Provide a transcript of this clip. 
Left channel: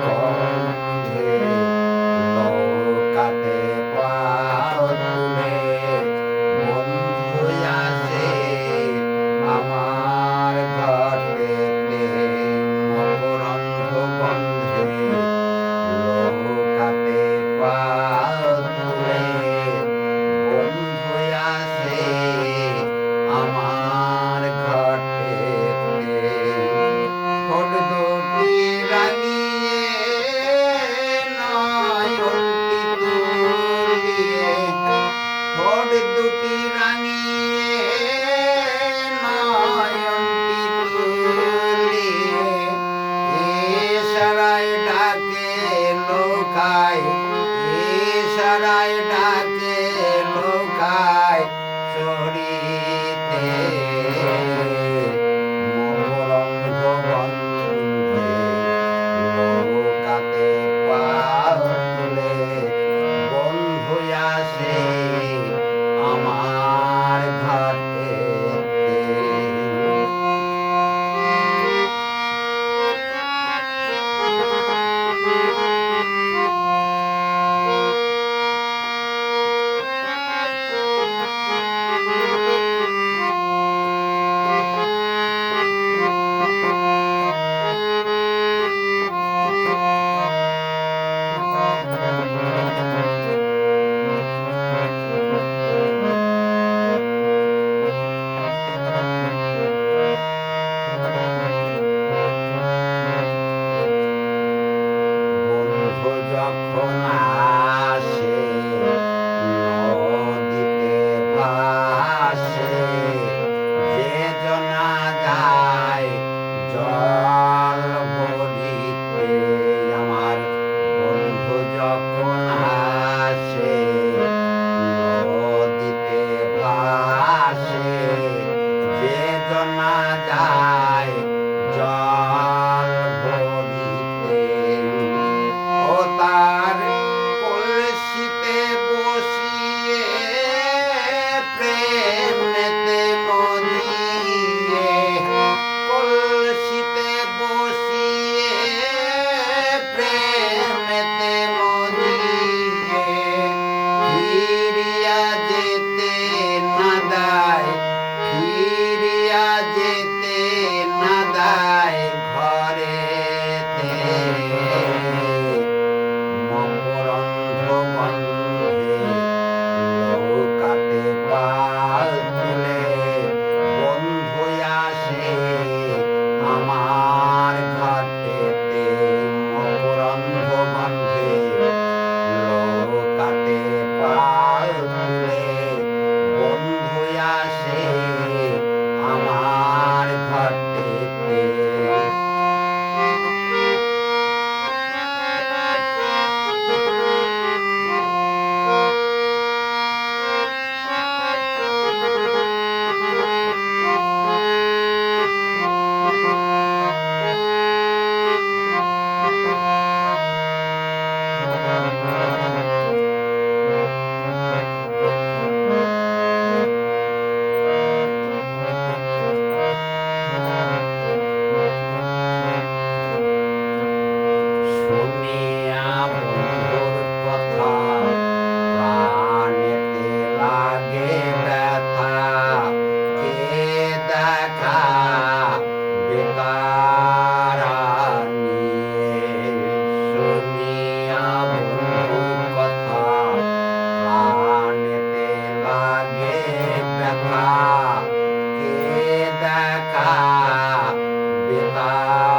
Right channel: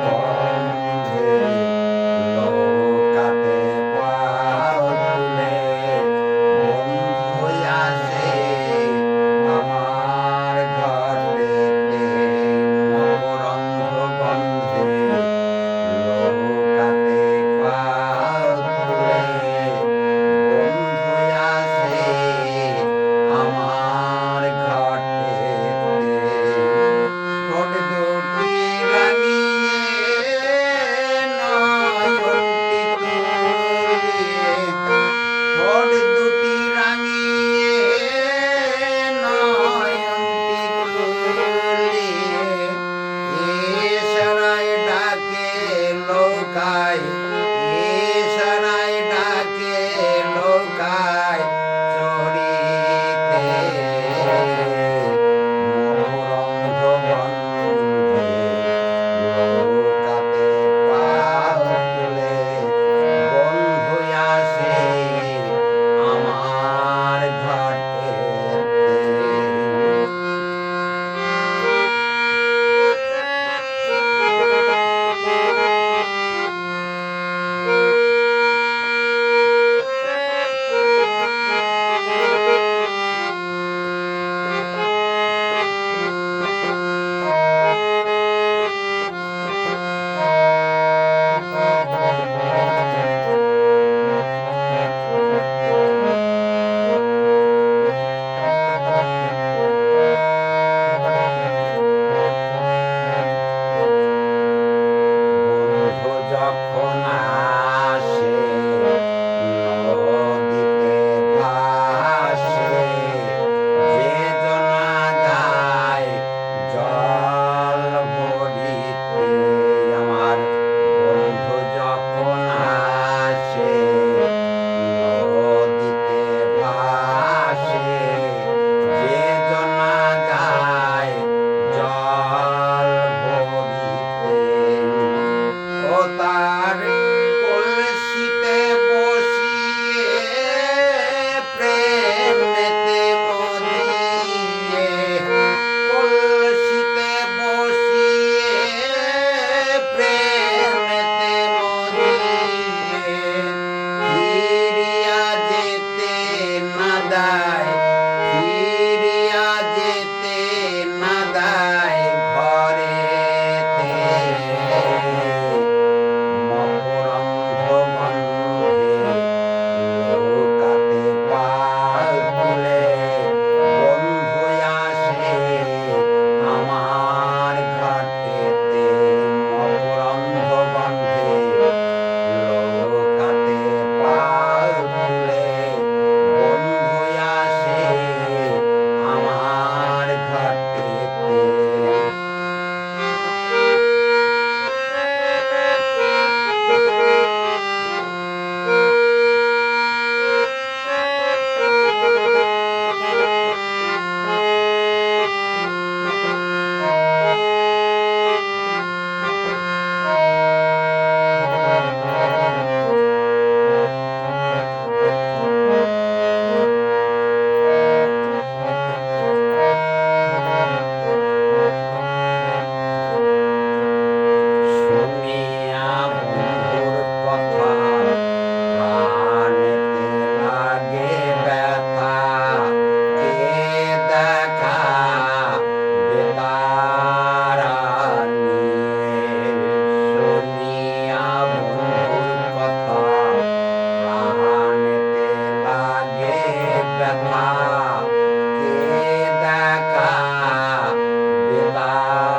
বন্ধে নৌকাতে পাও তুলে বন্ধু আসে আমার ঘর থেকে মকরন্ধ বন্ধে নৌকাতে পাও তুলে বন্ধু আসে আমার ঘর থেকে ঠোঁট দুটি রাঙিয়ে নয়নটি তুলিয়ে ঠোঁট দুটি রাঙিয়ে নয়নটি তুলিয়ে ইশারায় ডাকে লোকায় ইশারায় ডাকে লোকায় চড়িতে মকরন্ধ বন্ধে নৌকাতে পাও তুলে বন্ধু আসে আমার ঘর থেকে বন্ধু যখন আসে নদীতে ভাসে যে জনা যায় জল ভরিতে আমার বন্ধু যখন আসে নদীতে ভাসে যে জনা যায় জল ভরিতে ও তার কলসিতে বসিয়ে প্রেমেতে মজিয়ে কলসিতে বসিয়ে প্রেমেতে মজিয়ে ফিরিয়া যেতে না দায় ফিরিয়া যেতে না দায় ঘরেতে মকরন্ধ বন্ধে নৌকাতে পাল তুলে বন্ধু আসে আমার ঘর থেকে মকরন্ধ বন্ধে নৌকাতে পাল তুলে বন্ধু আসে আমার ঘর থেকে শুনিয়া বন্ধুর কথা প্রাণেতে লাগে ব্যথা কে দেখা বেতারা নিয়ে শুনিয়া বন্ধুর কথা প্রাণেতে লাগে ব্যথা কে দেখা বেতারা